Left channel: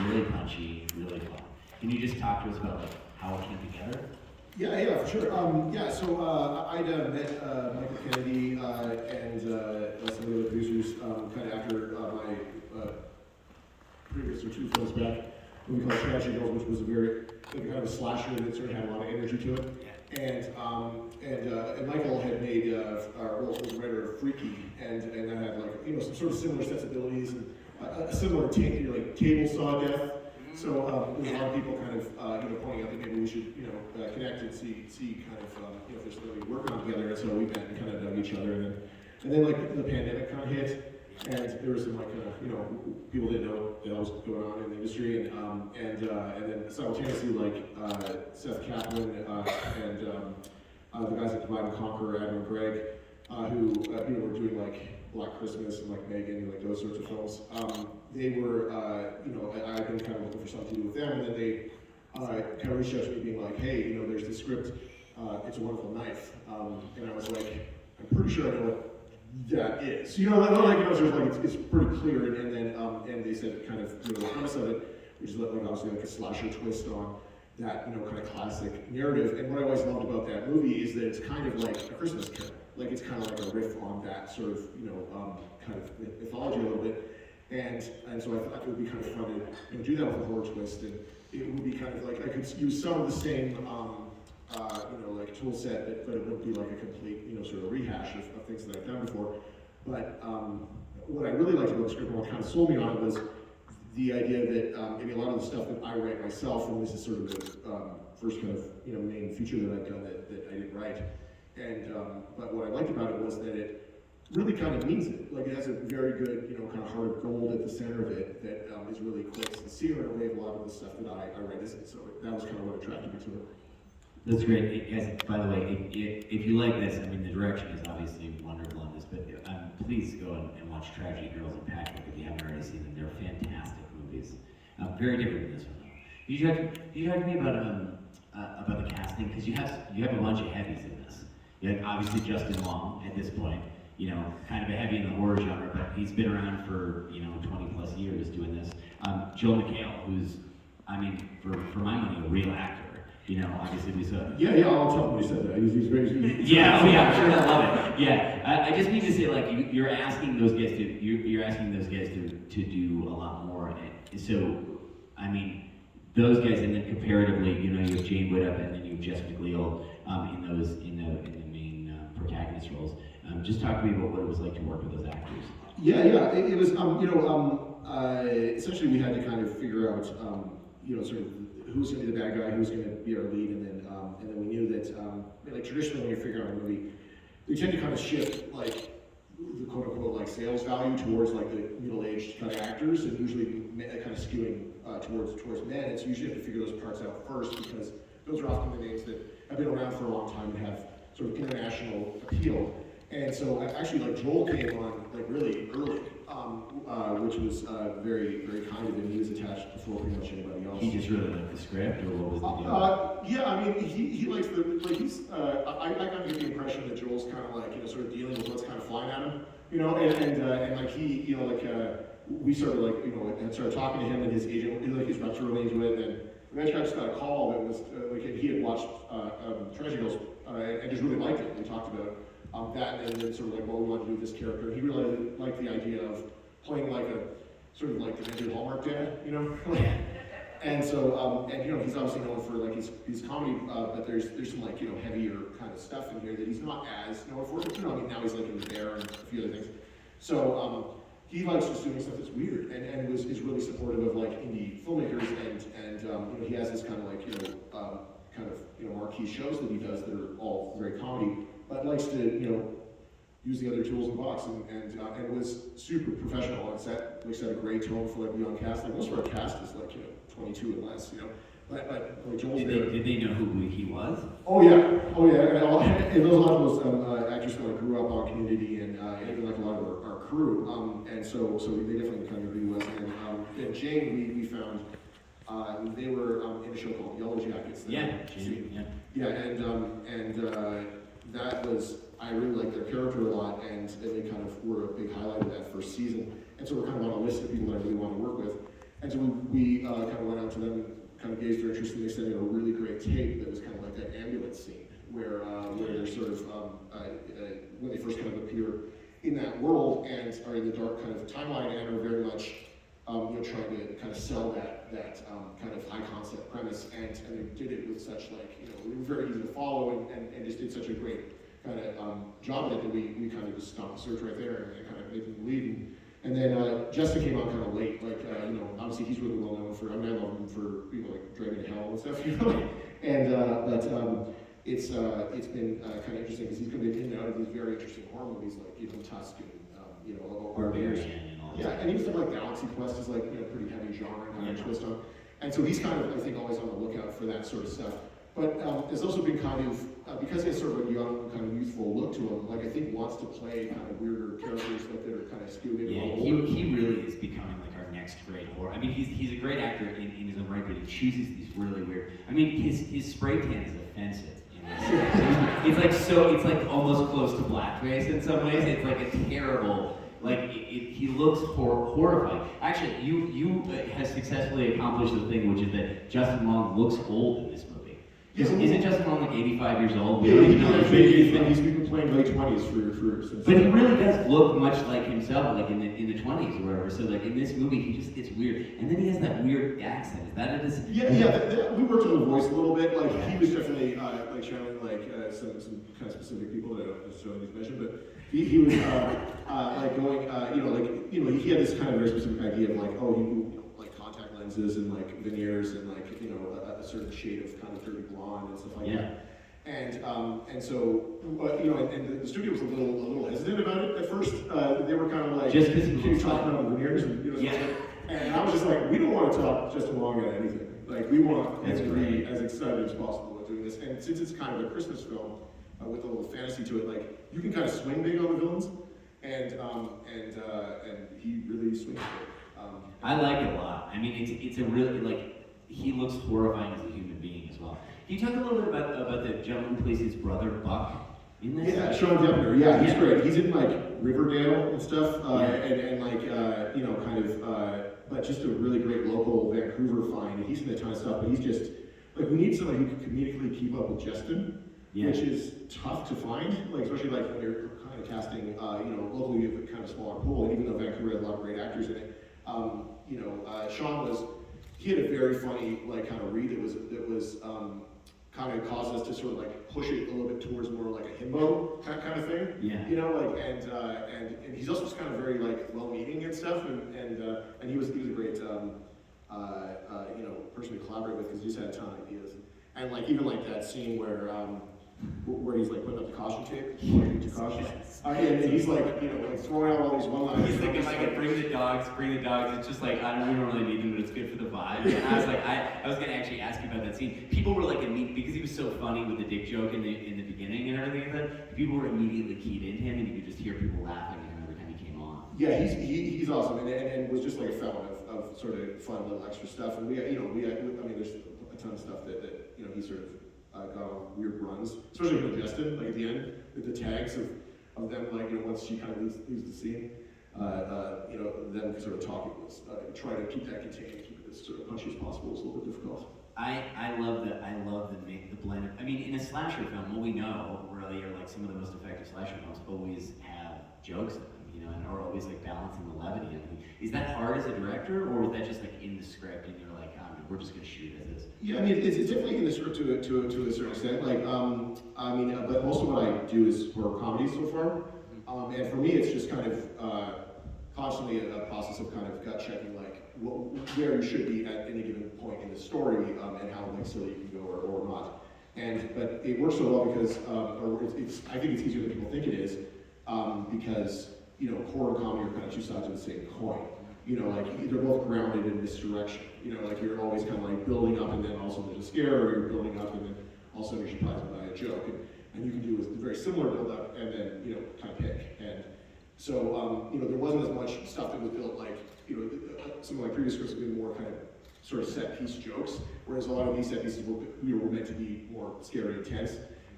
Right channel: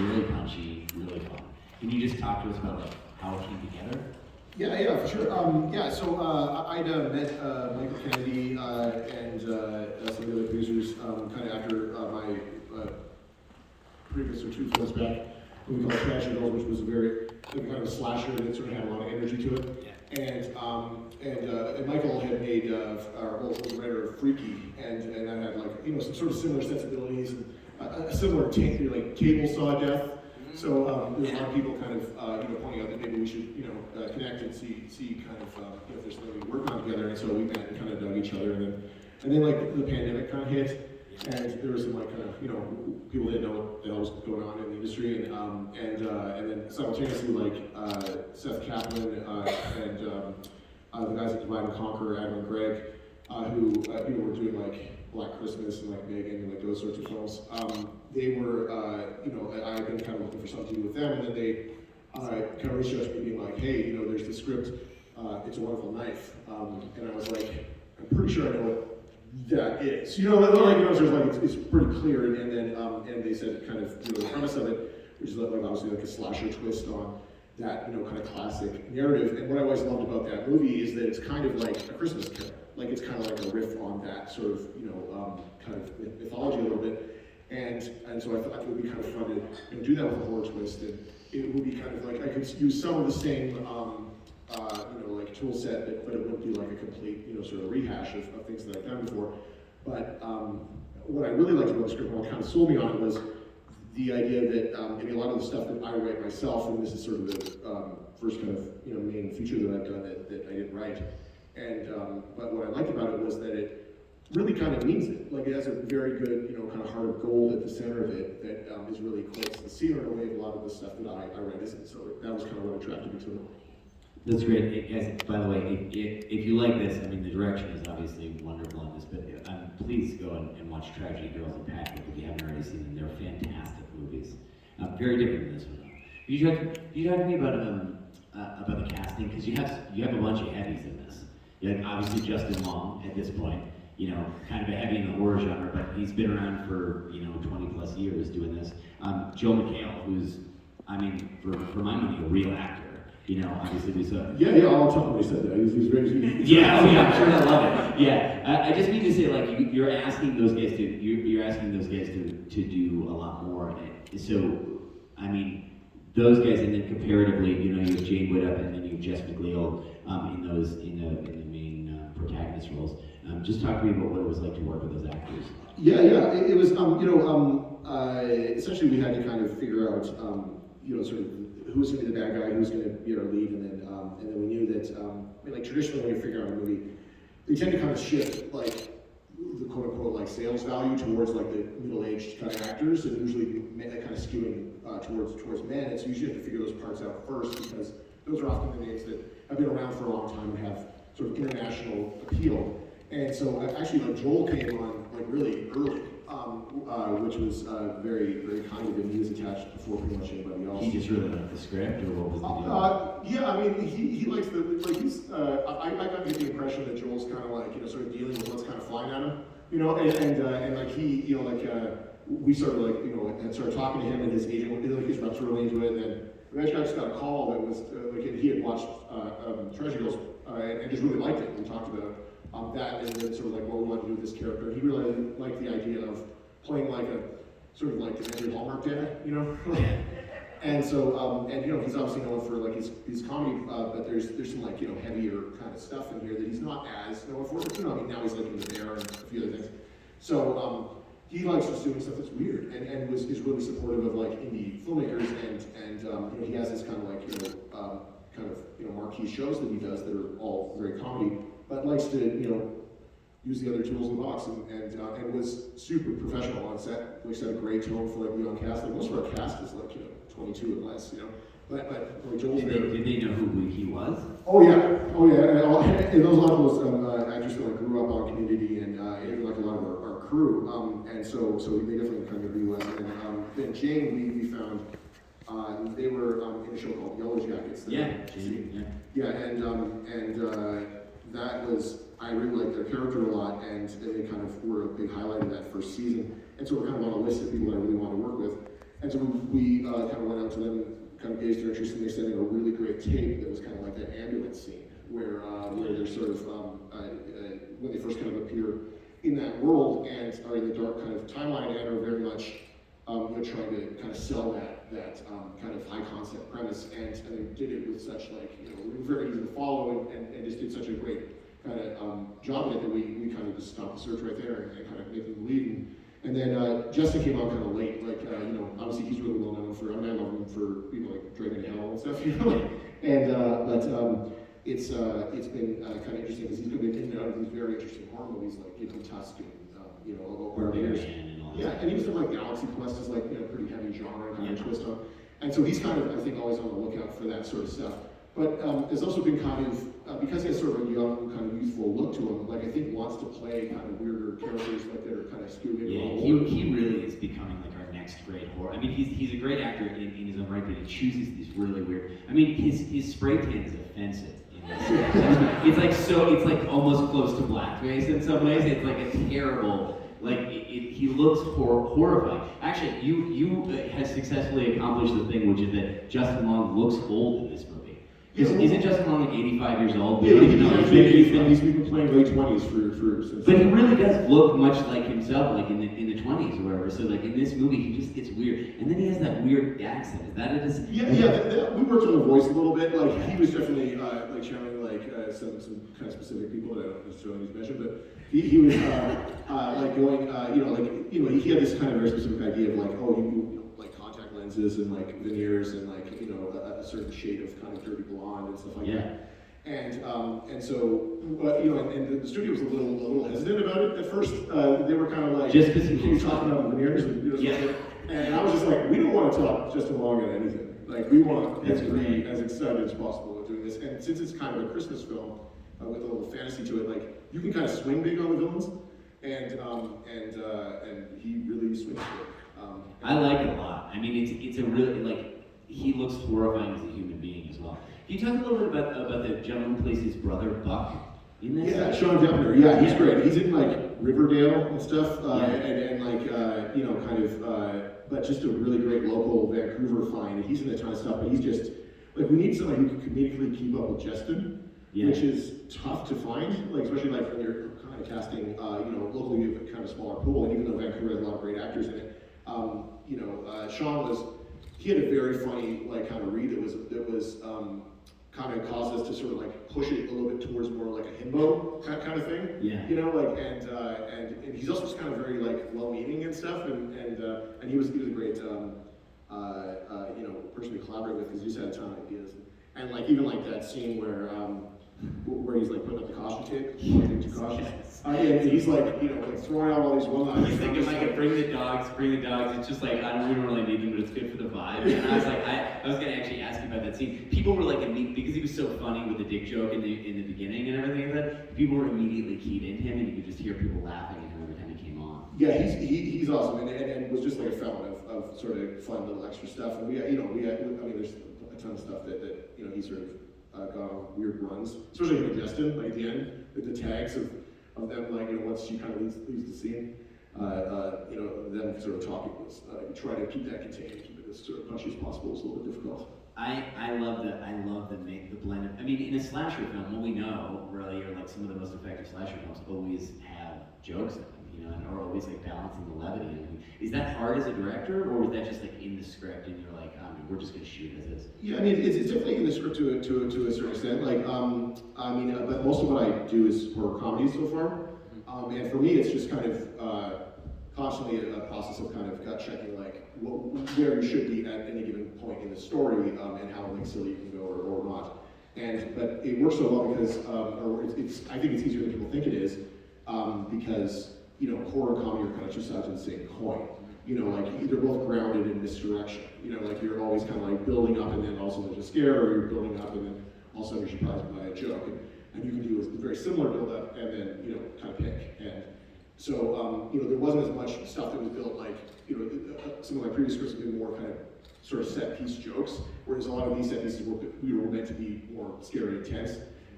really punchy, really fun. Can you just talk to us about like how it came together? Yeah, for sure. I'd met Michael Kennedy and some of the other producers kind of after my previous two films back, what we call Tragic Girls, which was a very kind of a slasher that sort of had a lot of energy to it. And Michael had made was the writer of Freaky, and I had like some sort of similar sensibilities and a similar take, like Cable saw death. So there's a lot of people kind of pointing out that maybe we should connect and see kind of if there's something to work on together. And so we met and kind of dug each other, and then like the pandemic kind of hit, and there was some like kind of people didn't know what the hell was going on in the industry, and then simultaneously like Seth Kaplan and the guys at Divide and Conquer, Adam and Greg, who were doing like Black Christmas and like Megan and like those sorts of films. They were I had been kind of looking for something to do with them, and then they kind of reached out to me being like, hey, there's this script, It's a Wonderful Knife, and I was like, I'm pretty sure I know what that is. It's pretty clear, and then and they said kind of the premise of it, which is like obviously like a slasher twist on that kind of classic narrative. And what I always loved about that movie is that it's kind of like a Christmas Carol, like it's kind of like a riff on that sort of kind of mythology a little bit. And so I thought it would be kind of fun to do that with a horror twist, and it would be kind of like I could use some of the same like tool set, but it wouldn't be like a complete sort of rehash of things that I've done before. But what I really liked about the script, and what kind of sold me on it, was the idea that a lot of the stuff that I write myself, and this is sort of the first kind of main feature that I've done that I didn't write. And but what I liked about it was that it really kind of means it. Like it has a very good kind of heart of gold at the center of it that is really quite sincere in a way of a lot of the stuff that I write isn't. So that was kind of what attracted me to it. That's great. Guys, by the way, if you like this, I mean, the direction is obviously wonderful on this, but please go and watch Tragedy Girls and Patchwork if you haven't already seen them. They're fantastic movies. Very different than this one. You talked to me about the casting, because you have a bunch of heavies in this. You have obviously Justin Long at this point, kind of a heavy in the horror genre, but he's been around for 20 plus years doing this. Joe McHale, who's, I mean, for my money, a real actor. Obviously we saw. Yeah, I'll tell him he said that. He was very. Yeah, I'm sure I love it. Yeah, I just mean to say, like, you're asking those guys to do a lot more. So, I mean, those guys, and then comparatively, you have Jane Whittup and then you have Jess McLeod in the main protagonist roles. Just talk to me about what it was like to work with those actors. Yeah, it was essentially we had to kind of figure out sort of who was going to be the bad guy, who was going to be our lead, and then we knew that like traditionally when you figure out a movie, they tend to kind of shift like the quote unquote like sales value towards like the middle-aged kind of actors, and usually kind of skewing towards men. And so you usually have to figure those parts out first, because those are often the names that have been around for a long time and have sort of international appeal. And so actually like Joel came on like really early, which was very, very kind of him. He was attached before pretty much anybody else. He just really liked the script, or what was the deal? Yeah, I mean, he likes he's, I got the impression that Joel's kind of like, sort of dealing with what's kind of flying at him, and like he, we sort of like, and started talking to him, and his agent, like his reps were really into it, and eventually I just got a call that was, like he had watched Treasure Girls, and just really liked it. We talked about that, and then sort of like what we wanted to do with this character. He really liked the idea of playing like a sort of like an Andrew Hallmark dad, and so he's obviously known for like his comedy, but there's some like heavier kind of stuff in here that he's not as known for. I mean, now he's like in The Bear and a few other things. So he likes just doing stuff that's weird, and is really supportive of like indie filmmakers, and he has this kind of like marquee shows that he does that are all very comedy, but likes to use the other tools in the box, and was super professional on set. Like set a great tone for like the young cast. Like most of our cast is like 22 and less, But like Joel's did they know who he was? Oh yeah. And those a lot of those actors that like grew up on Community, and even like a lot of our crew. And so they definitely kind of knew who he was. And then Jane, we found they were in a show called Yellow Jackets. Jane. Yeah, and that was, I really liked their character a lot, and they kind of were a big highlight of that first season. And so we're kind of on a list of people that I really wanted to work with. And so we kind of went out to them and kind of gauged their interest, and they sent in a really great tape that was kind of like that ambulance scene, where they're sort of, when they first kind of appear in that world and are in the dark kind of timeline and are very much trying to kind of sell that kind of high concept premise, and they did it with such like, they were very easy to follow and just did such a great kind of job at it that we kind of just stopped the search right there and kind of made them lead. And then Justin came out kind of late, like, obviously he's really well known for, I love him for people like Dragon Hell and stuff, and, but it's been kind of interesting because he's been in and out of these very interesting horror movies like, Tusk and, over the years. Yeah, and even stuff like Galaxy Quest is like, pretty heavy genre kind of twist on. And so he's kind of, I think, always on the lookout for that sort of stuff. But there's also been kind of, because he has sort of a young, kind of youthful look to him, like I think wants to play kind of weirder characters like that are kind of stupid. Yeah, he really is becoming like our next great horror. I mean, he's a great actor in his own right, but he chooses these really weird. I mean, his spray tan is offensive. It's like almost close to blackface in some ways. It's like a terrible, he looks horrifying. Actually, you have successfully accomplished the thing, which is that Justin Long looks old in this movie. Isn't Justin Long like 85 years old? Yeah, he's been playing late 20s for since. But he really does look much like himself, like in the 20s or whatever. So like in this movie, he just gets weird, and then he has that weird accent. Is that it? Yeah. We worked on the voice a little bit. Like he was definitely like channeling some kind of specific people that I don't necessarily need to mention, but he was like going, he had this kind of very specific idea of like, like contact lenses and like veneers and like a certain shade of kind of dirty blonde and stuff like that. And so and the studio was a little hesitant about it at first. They were kind of like, just because he was talking about the veneers and and I was just like, we don't want to talk Justin Long at anything. Like we want him to be as excited as possible about doing this. And since it's kind of a Christmas film with a little fantasy to it, like you can kind of swing big on the villains, and he really swings big. I like it a lot. I mean, it's a really he looks horrifying as a human being as well. Can you talk a little bit about the gentleman who plays his brother Buck in this? Yeah, Sean Deppner. Yeah, he's great. He's in like Riverdale and stuff, and but just a really great local Vancouver find. He's in a ton of stuff, but he's just like we need somebody who can comedically keep up with Justin, which is tough to find. Like especially like when you're kind of casting, locally you have a kind of smaller pool, and even though Vancouver has a lot of great actors in it, Sean he had a very funny like kind of read that was kind of caused us to sort of like push it a little bit towards more like a himbo kind of thing. Yeah. And he's also just kind of very like well-meaning and stuff, and he was a great person to collaborate with because he just had a ton of ideas. And like even like that scene where he's like putting up the caution tape, and he's like throwing out all these one-liners. He's thinking like bring the dogs. It's just like we don't really need them, but it's good for the vibe. And I was like, I was gonna actually ask you about that scene. People were like because he was so funny with the dick joke in the beginning and everything like that. People were immediately keyed into him, and you could just hear people laughing at him every time he came on. Yeah, he's awesome, and was just like a fountain of sort of fun little extra stuff. And there's a ton of stuff that he sort of got on weird runs, especially with Justin, like at the end, with the tags of them, like, once she kind of leaves the scene, them sort of talking was, trying to keep that contained, keep it as sort of punchy as possible is a little bit difficult. I love the blend. I mean, in a slasher film, what we know, really, or like some of the most effective slasher films always have jokes in them, and are always like balancing the levity. I mean, is that hard as a director, or was that just like in the script and you're like, we're just gonna shoot as is? Yeah, I mean, it's definitely in the script to a certain extent. Like, but most of what I do is horror comedy so far, and for me, it's just kind of constantly a process of kind of gut checking, like where you should be at any given point in the story, and how like silly you can go or not. But it works so well because, I think it's easier than people think it is, because horror and comedy are kind of two sides of the same coin. Like they're both grounded in misdirection. Like you're always kind of like building up, and then also there's a scare, or you're building up, and then all of a sudden you're surprised by a joke. And you can do a very similar build up, and then kind of pick. And so there wasn't as much stuff that was built like some of my previous scripts have been more kind of sort of set piece jokes, whereas a lot of these set pieces were meant to be more scary and intense.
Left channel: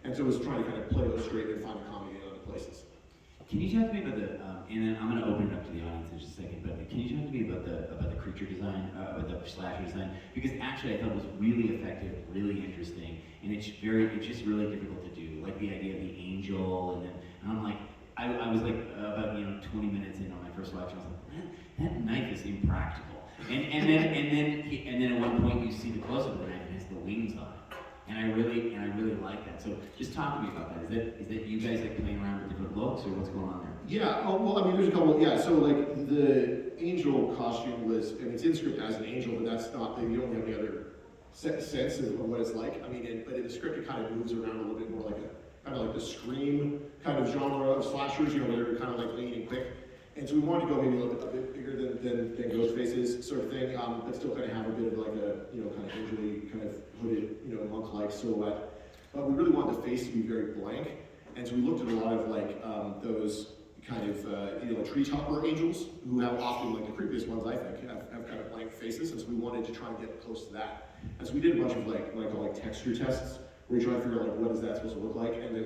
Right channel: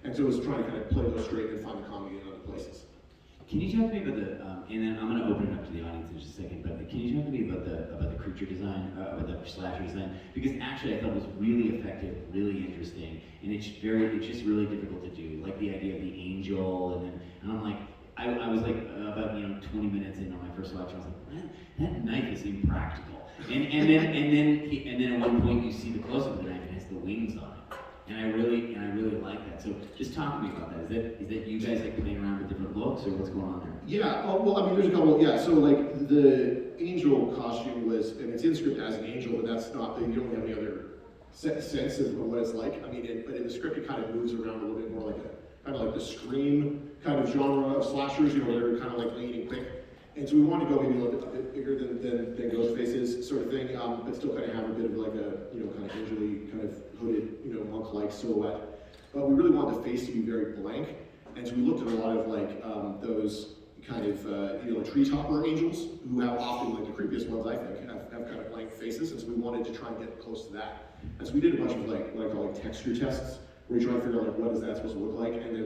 And so it was trying to kind of play those straight and find the comedy in other places. Can you talk to me about And then I'm going to open it up to the audience in just a second, but can you talk to me about the creature design, about the slasher design? Because actually I thought it was really effective, really interesting, and it's just really difficult to do. Like the idea of the angel, and I'm like, I was like about 20 minutes into my first watch, I was like, that knife is impractical. And then at one point you see the close up of the knife and it has the wings on it. And I really like that. So just talk to me about that. Is that you guys like playing around with different looks, or what's going on there? Yeah, well, I mean, there's a couple, yeah, so like the angel costume was, I mean, it's in the script as an angel, but that's not, you don't have any other sense of what it's like. I mean, but in the script it kind of moves around a little bit more like kind of like the Scream kind of genre of slashers, where they're kind of like lean and quick. And so we wanted to go maybe a bit bigger than Ghostface's sort of thing, but still kind of have a bit of like a, kind of angel-y, kind of hooded, monk-like silhouette. But we really wanted the face to be very blank. And so we looked at a lot of like those kind of, tree-topper angels, who have often, like the creepiest ones I think, have kind of blank faces. And so we wanted to try and get close to that. And so we did a bunch of like texture tests, where you try and figure out like what is that supposed to look like, and then